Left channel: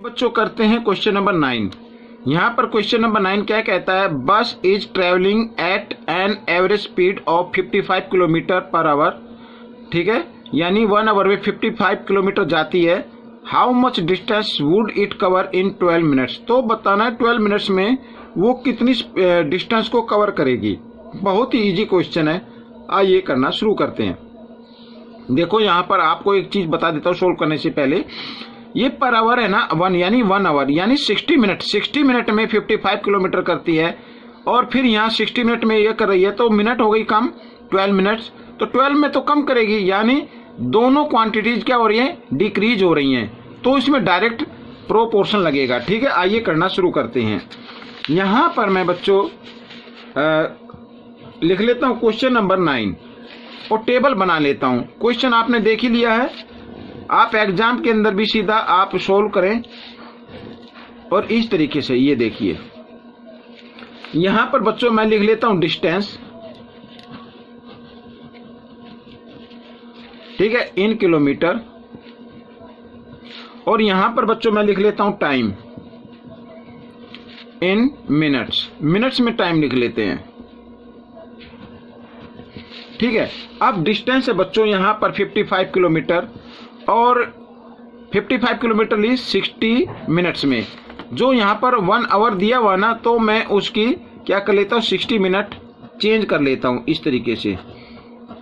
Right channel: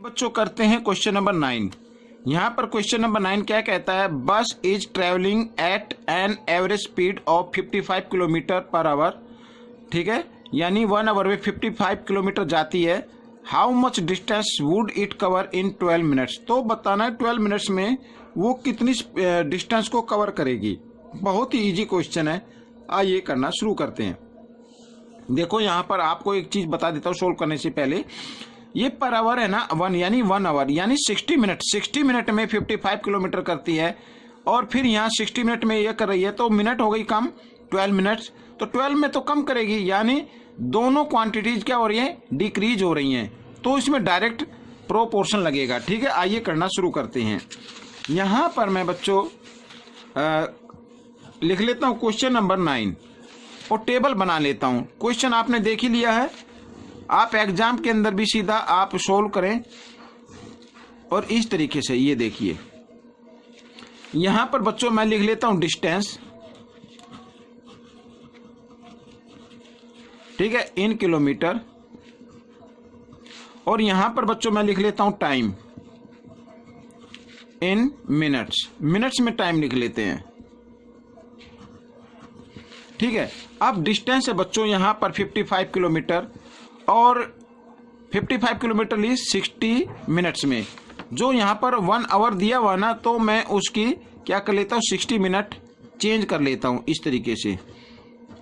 बच्चों करते हैं क्वेश्चन नंबर 9। यहाँ पर क्वेश्चन नंबर 9 क्या कहता है, बस is travelling at an average speed of 55 kilometre per hour. ठीक है, यानी 1 आवर में 55 किलोमीटर जाती है। How much distance would it cover in 12 minutes. तो बताना है 12 मिनट्स में वो कितनी डिस्टेंस को कवर करेगी। बहुत ही ईजी क्वेश्चन है, आइए करना शुरू करते हैं। देखो यहाँ पर आपको एक चीज़ बता देता हूँ सोल्व करने से पहले। ये पर आवर है ना, 1 आवर यानी 60 मिनट। 60 मिनट में 55 किलोमीटर करती है और फिर यहाँ 60 मिनट में ये कर रही है, तो मिनट हो गई कम, 12 मिनट्स। तो 12 में तो कम करेगी, यानी दोनों क्वांटिटीज क्या हो रही हैं, डिक्रीज हो रही हैं। तो इसमें डायरेक्ट प्रोपोर्शन लगेगा। ठीक है, आइए करना शुरू करते हैं। यहाँ पर मैं बच्चों लिख लेता हूँ क्वेश्चन नंबर 9 और टेबल बना लेता हूँ। क्वेश्चन आपने देख ही लिया है, आप एग्जाम के अंदर भी सीधा आप सोल्व करें और इस तरीके से। ये देखिए यहां पर बच्चों मैं लिख लेता हूं डिस्टेंस, ठीक है, इन किलोमीटर। और यहां पर बच्चों मैं लिख लेता हूं टाइम इन मिनट्स। मिनट्स में टाइम लिख लेते हैं। ठीक है, अब डिस्टेंस है बच्चों यहां पर 55 किलोमीटर और 55 किलोमीटर ली 60 मिनट्स में। जो यहाँ पर 1 आवर दिया हुआ ना, तो मैं उसकी क्या कर लेता हूँ, 60 मिनट चेंज कर लेता हूँ इस तरीके से।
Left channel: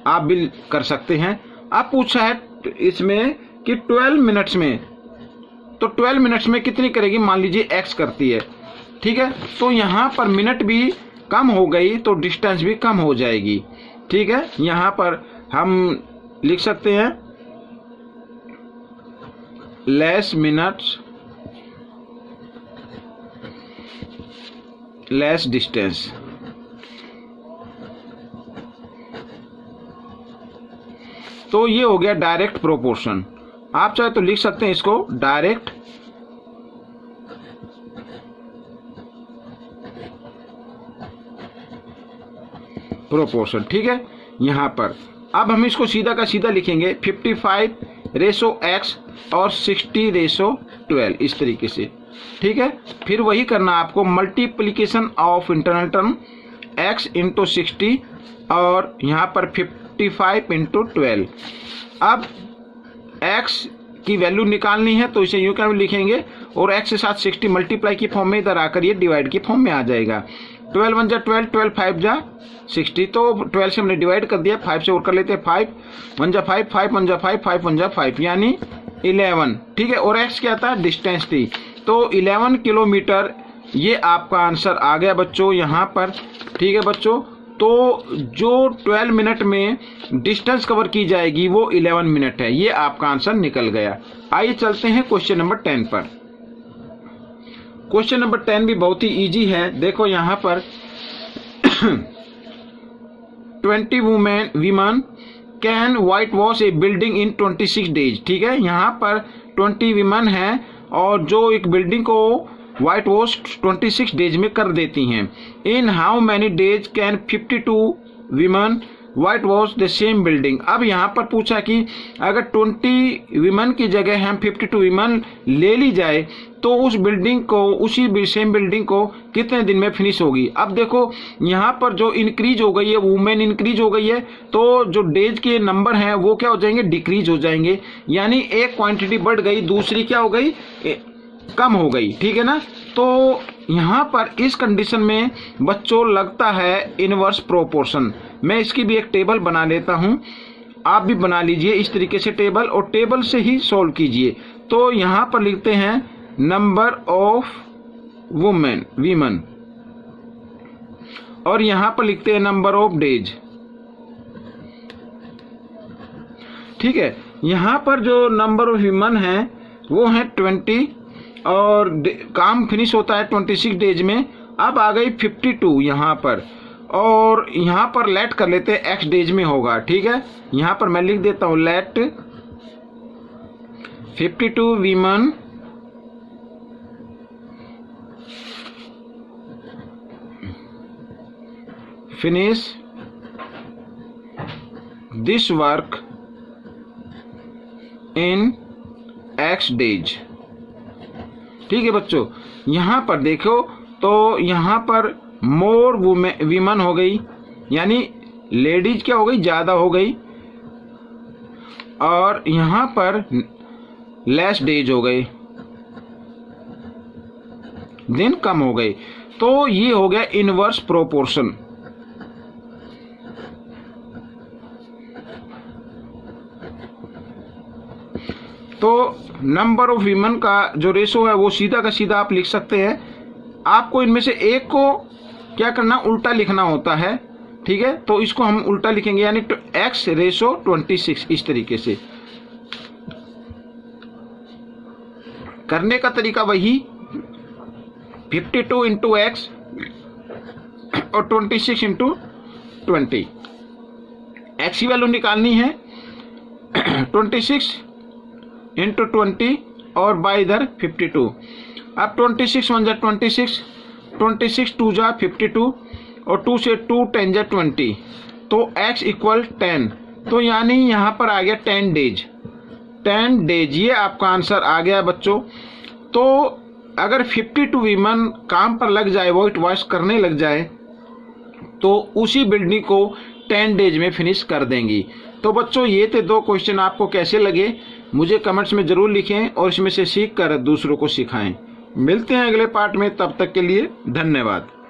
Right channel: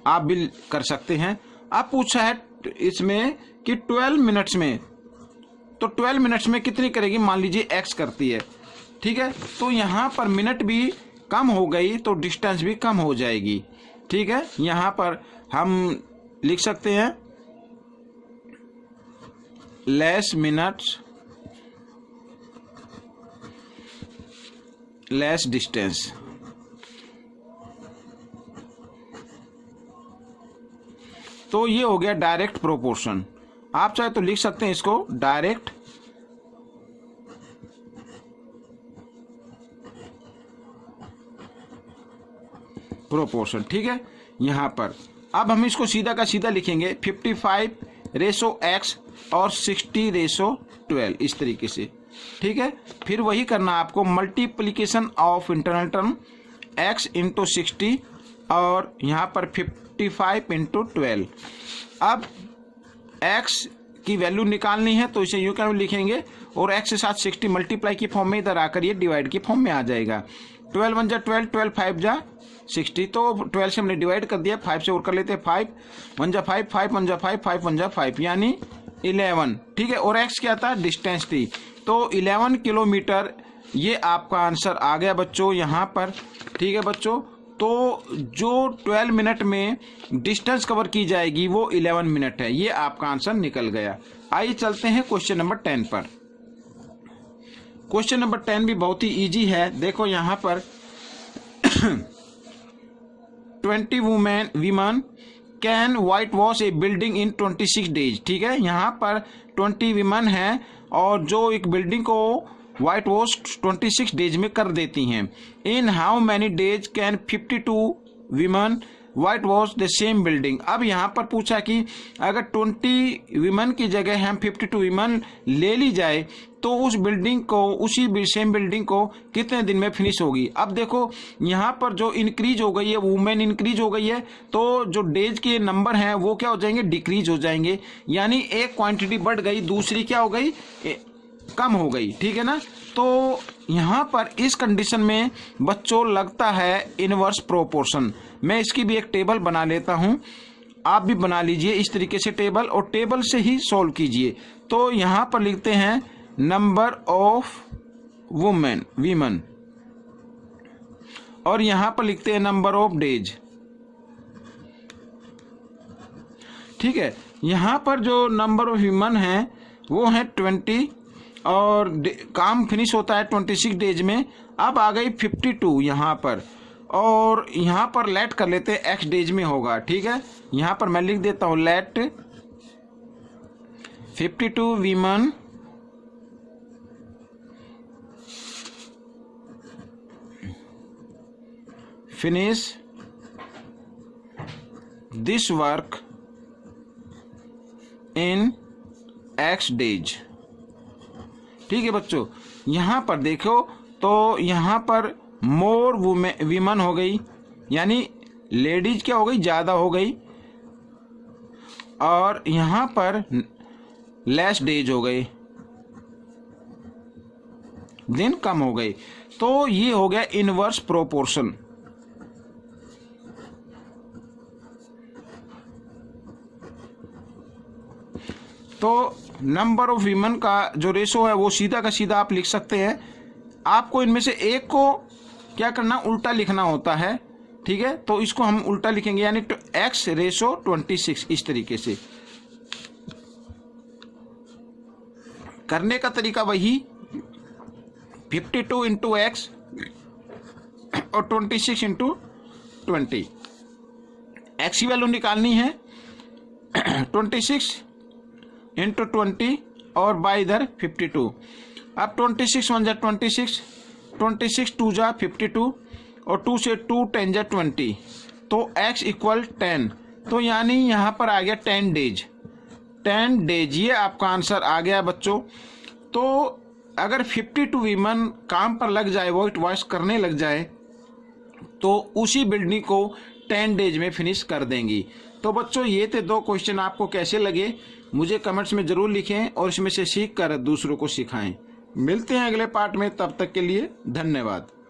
आप भी कर सकते हैं। आप पूछा है इसमें कि 12 मिनट्स में, तो 12 मिनट्स में कितनी करेगी, मान लीजिए x करती है। ठीक है, तो यहाँ पर मिनट भी कम हो गई तो डिस्टेंस भी कम हो जाएगी। ठीक है, यहाँ पर हम लिख सकते हैं लेस मिनट्स लेस डिस्टेंस। तो ये हो गया डायरेक्ट प्रोपोर्शन। आप चाहे तो लिख सकते हैं इसको डायरेक्ट प्रोपोर्शन। ठीक है, यहां पर अब हम इसको सीधा का सीधा लिखेंगे 55/x और 60/12 इस तरीके से। ठीक है, फिर वही करना आपको, multiplication of internal term x into 60 और यहाँ पर 55 इंटू 12। अब x की वैल्यू निकालनी है तो इसे यूँ क्या लिखेंगे और x के साथ 60 मल्टीप्लाई की फॉर्म में इधर आकर ये डिवाइड की फॉर्म में आ जाएगा। 12 1 जा 12, 12 5 जा 60, तो 12 से हमने डिवाइड कर दिया, 5 से और कर लेते हैं 5 1 जा 5, 5 1 जा 5, 5 1 जा 5 यानी 11। ठीक है, और x क्या था, डिस्टेंस थी, तो 11 किलोमीटर ये आपका आंसर आ गया बच्चों यहाँ पर। ठीक है बच्चों, तो जो 12 मिनट में डिस्टेंस कवर की जाएगी वो 11 मिनट है। ये आपका आंसर निकल गया। आइए चलते हैं क्वेश्चन नंबर 10 पर। क्वेश्चन नंबर 10 भी बहुत ही इजी है। देखो यहाँ पर 20 women can white wash A building in 26 days. ठीक है, यहाँ पर 20 विमन है और जो एक बिल्डिंग को वाइट वॉश 26 डेज में कर देती हैं। In how many days can 52 women whitewash the same building. अब यहाँ पर पूछा कि अगर 20 विमन की जगह हम 52 विमन ले ली जाए तो उस बिल्डिंग को, उसी सेम बिल्डिंग को कितने दिन में फिनिश होगी। अब देखो यहाँ पर जो इंक्रीज हो गई है, वुमेन इंक्रीज हो गई है, तो जो डेज के नंबर हैं वो क्या हो जाएंगे, डिक्रीज हो जाएंगे। यानी एक क्वांटिटी बढ़ गई, दूसरी क्या हो गई, कम हो गई। ठीक है ना, तो यहाँ पर इस कंडीशन में बच्चों लगता है इनवर्स प्रोपोर्शन। मैं इसकी भी एक टेबल बना लेता हूँ, आप भी बना लीजिए इस तरीके से टेबल और टेबल से ही सॉल्व कीजिए। तो यहाँ पर लिखते हैं नंबर ऑफ वीमन और यहाँ पर लिखते हैं नंबर ऑफ डेज। ठीक है, यहाँ पर जो नंबर ऑफ वीमन है वो है 20 और काम फिनिश होता है 26 डेज में। अब आ गई 52 यहाँ पर, और यहाँ पर लेट कर लेते हैं x डेज में होगा। ठीक है, यहाँ पर मैं लिख देता हूँ let 52 women finish this work in x days. ठीक है बच्चों, यहाँ पर देखो तो यहाँ पर मोर वीमन हो गई, यानी लेडीज क्या हो गई, ज़्यादा हो गई, और यहाँ पर लेस डेज हो गए, दिन कम हो गए। तो ये हो गया इनवर्स प्रोपोर्शन। तो नंबर ऑफ वीमेन का जो रेशो है वो सीधा का सीधा आप लिख सकते हैं। आपको इनमें से एक को क्या करना, उल्टा लिखना होता है, ठीक है। तो इसको हम उल्टा लिखेंगे, यानी x रेशो 26। इस तरीके से करने का तरीका वही 52 इंटू एक्स और 26 इंटू 20। एक्स की वैल्यू निकालनी है 26 इंटू 20 और बाई इधर 52। अब 26 1 जा 26, 26 2 जा 52 और 2 से 2 10 जा 20, तो x इक्वल 10। तो यानी यहाँ पर आ गया 10 डेज, 10 डेज, ये आपका आंसर आ गया बच्चों। तो अगर 52 वीमन काम पर लग जाए, वाइट वॉश करने लग जाए, तो उसी बिल्डिंग को 10 डेज में फिनिश कर देंगी। तो बच्चों ये थे 2 क्वेश्चन, आपको कैसे लगे मुझे कमेंट्स में ज़रूर लिखें और इसमें से सीख कर दूसरों को सिखाएं। मिलते हैं अगले पार्ट में, तब तक के लिए धन्यवाद।